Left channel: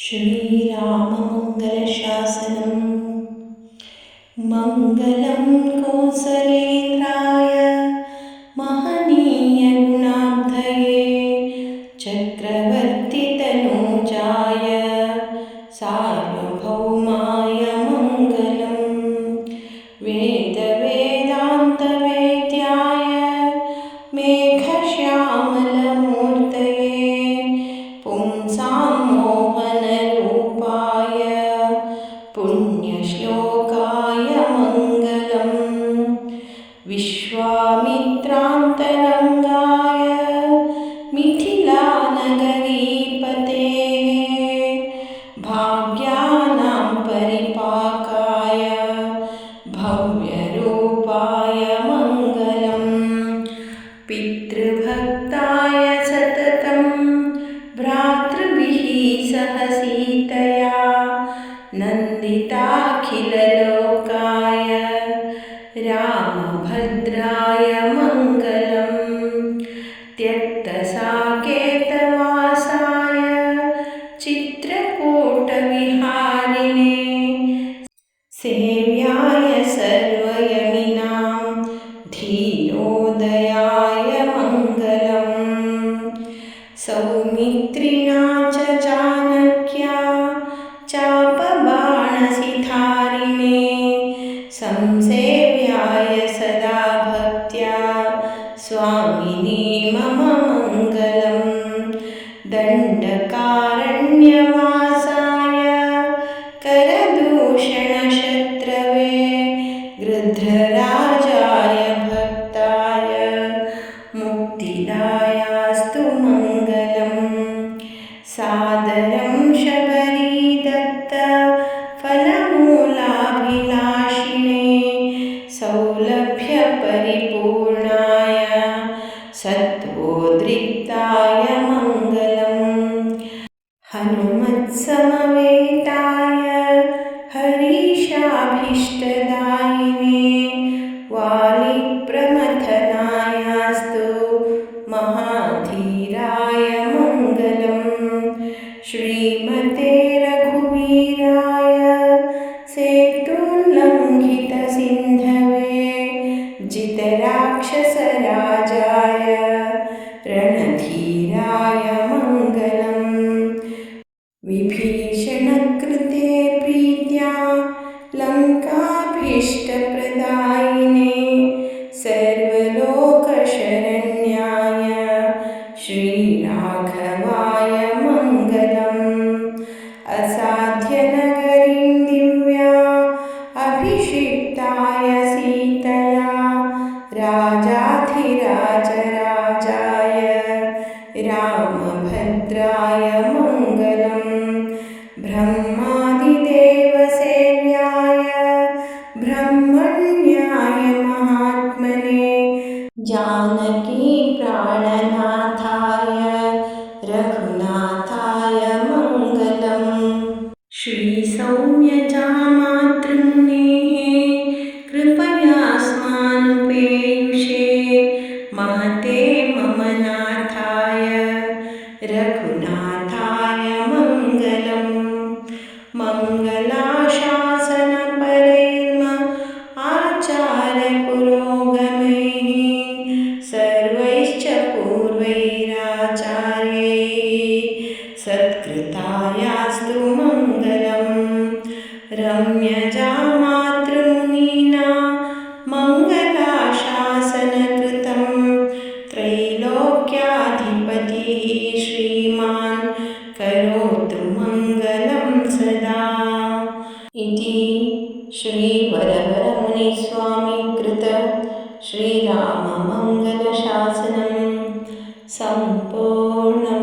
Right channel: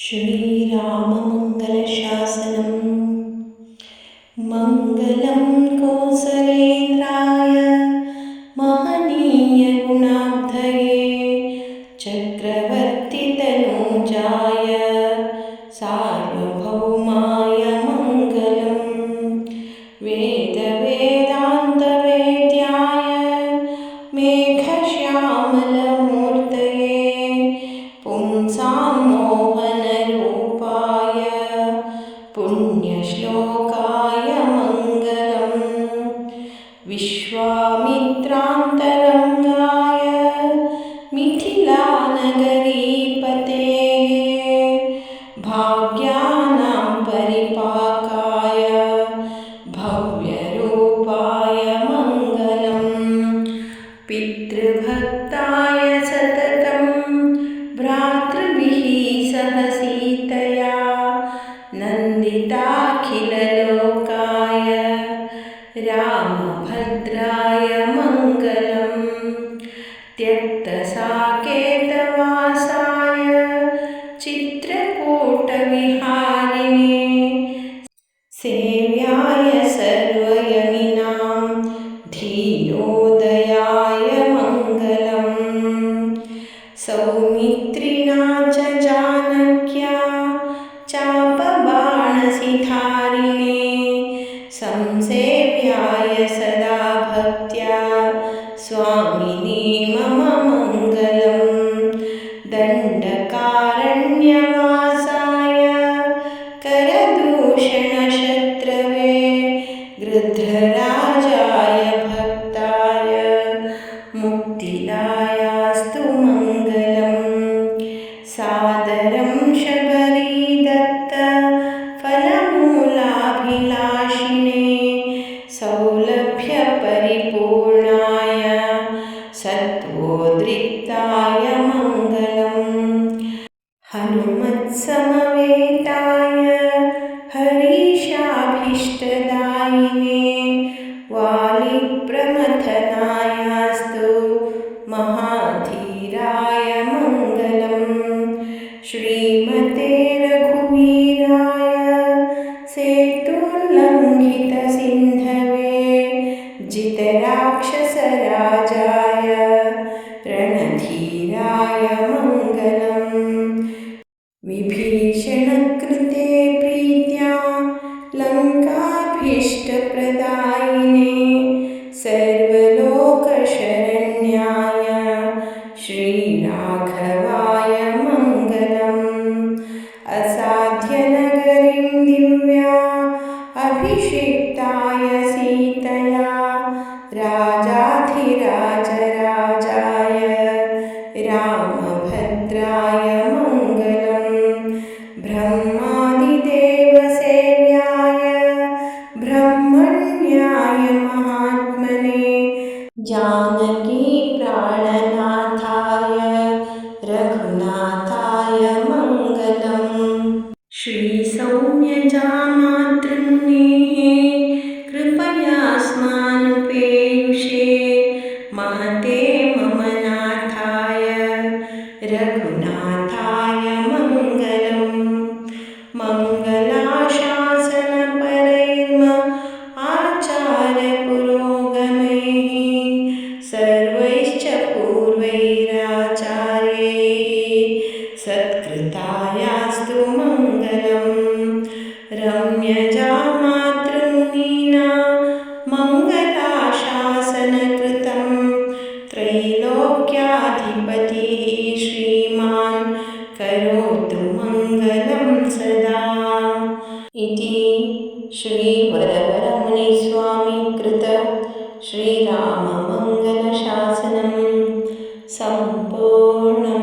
श्रीराममङ्गलशासनम्। मङ्गलं कौसलेन्द्राय महनीयगुणाब्धये चक्रवर्तितनूजाय सार्वभौमाय मङ्गलम्। वेदवेदान्तवेद्याय मेघश्यामलमूर्तये पुंसां मोहनरूपाय पुण्यश्लोकाय मङ्गलम्। विश्वामित्रान्तरङ्गाय मिथिलानगरीपतेः भाग्यानां परिपाकाय भव्यरूपाय मङ्गलम्। पितृभक्ताय सततं भ्रातृभिः सह सीतया नन्दिताखिललोकाय रामभद्राय मङ्गलम्। त्यक्तसाकेतवासाय चित्रकूटविहारिणे सेव्याय सर्वयमिनां धीरोदयाय मङ्गलम्। सौमित्रिणा च जानक्या चापबाणसिधारिणे संसेव्याय सदा भक्त्या स्वामिने मम मङ्गलम्। दण्डकारण्यवासाय करदूषणशत्रवे गृध्रराजाय भक्ताय मुक्तिदायास्तु मङ्गलम्। सादरं शबरीदत्त फलमूलाभिलाषिणे सौलभ्यपरिपूर्णाय सत्त्वोद्रिक्ताय मङ्गलम्। हनुमत्समवेताय हरीशाभीष्टदायिने वालिप्रमथनायास्तु महाधीराय मङ्गलम्। श्रीमते रघुवीराय सेतुल्लङ्घितसिन्धवे जितराक्षसराजाय रणधीराय मङ्गलम्। विभीषणकृते प्रीत्या लङ्काभीष्टप्रदायिने सर्वलोकशरण्याय श्रीराघवाय मङ्गलम्। असाध्यनगरीं दिव्या अभिषिक्ताय सीतया राजाधिराजराजाय रामभद्राय मङ्गलम्। ब्रह्मादिदेवसेव्याय ब्रह्मण्याय महात्मने जानकीप्राणनाथाय रघुनाथाय मङ्गलम्। श्रीसौम्यजामातृमुनेः कृपयास्मानुपेयुषे महते मम नाथाय रघुनाथाय मङ्गलम्। मङ्गलाशासनपरैर्म आचार्यपुरोगमैः सर्वैश्च पूर्वैराचार्यैः सत्कृतायास्तु मङ्गलम्। रम्यजामातृमुनिना मङ्गलाशासनकृतं त्रैलोक्याधिपतिः श्रीमान् करोतु मङ्गलं सदा। इति श्रीवरवरमुनिस्वामिकृत श्रीराममङ्गलशासनं सम्पूर्णम्।